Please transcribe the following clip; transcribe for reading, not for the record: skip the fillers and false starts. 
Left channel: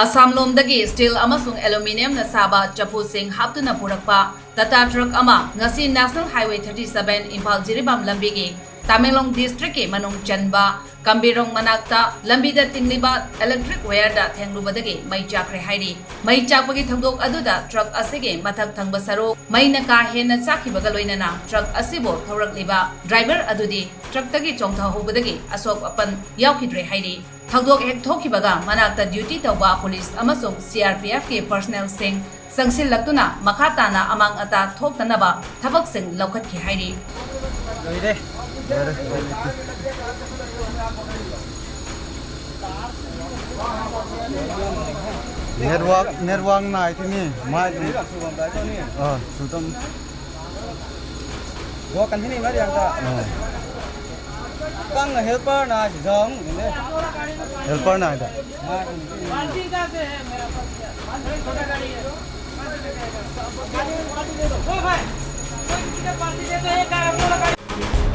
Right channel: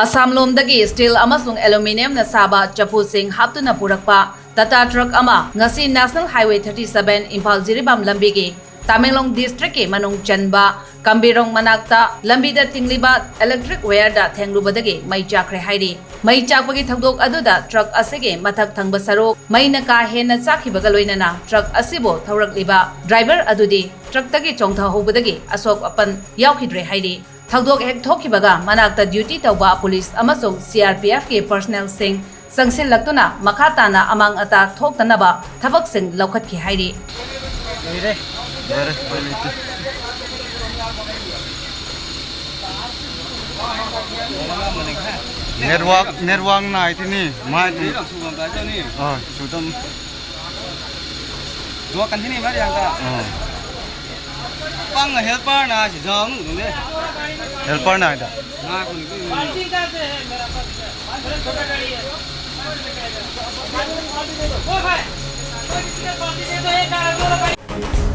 Assam lomdagi steel amasung aluminium na saba chapusing haptuna purakpa Tata truck ama ngasi National Highway 37 Impal Jiribam lambigi Tamenglong district ke manung chanba Kambirong manakta lambida tingliba electric wire da Thenglubadagi mai Chakhre hairi mai chakpagi thangdok aduda truck asige mathak thangba saruk mai na ka hena chakhibaga loinana truck asibo thaurakliba driver adudi truck tagi chongtha hobadagi asok apan yaukhidre hairi thangdok hek thokibaga manakta duty tawba police amasung CRPF ke personnel sing sangsil laktuna makatana amang ata thoktanaba thabak sing laukhatki hairi network này thế này mai thì chủ tâm dua kan sini mari angka pang helper na si jong ini helper này đã na kun ini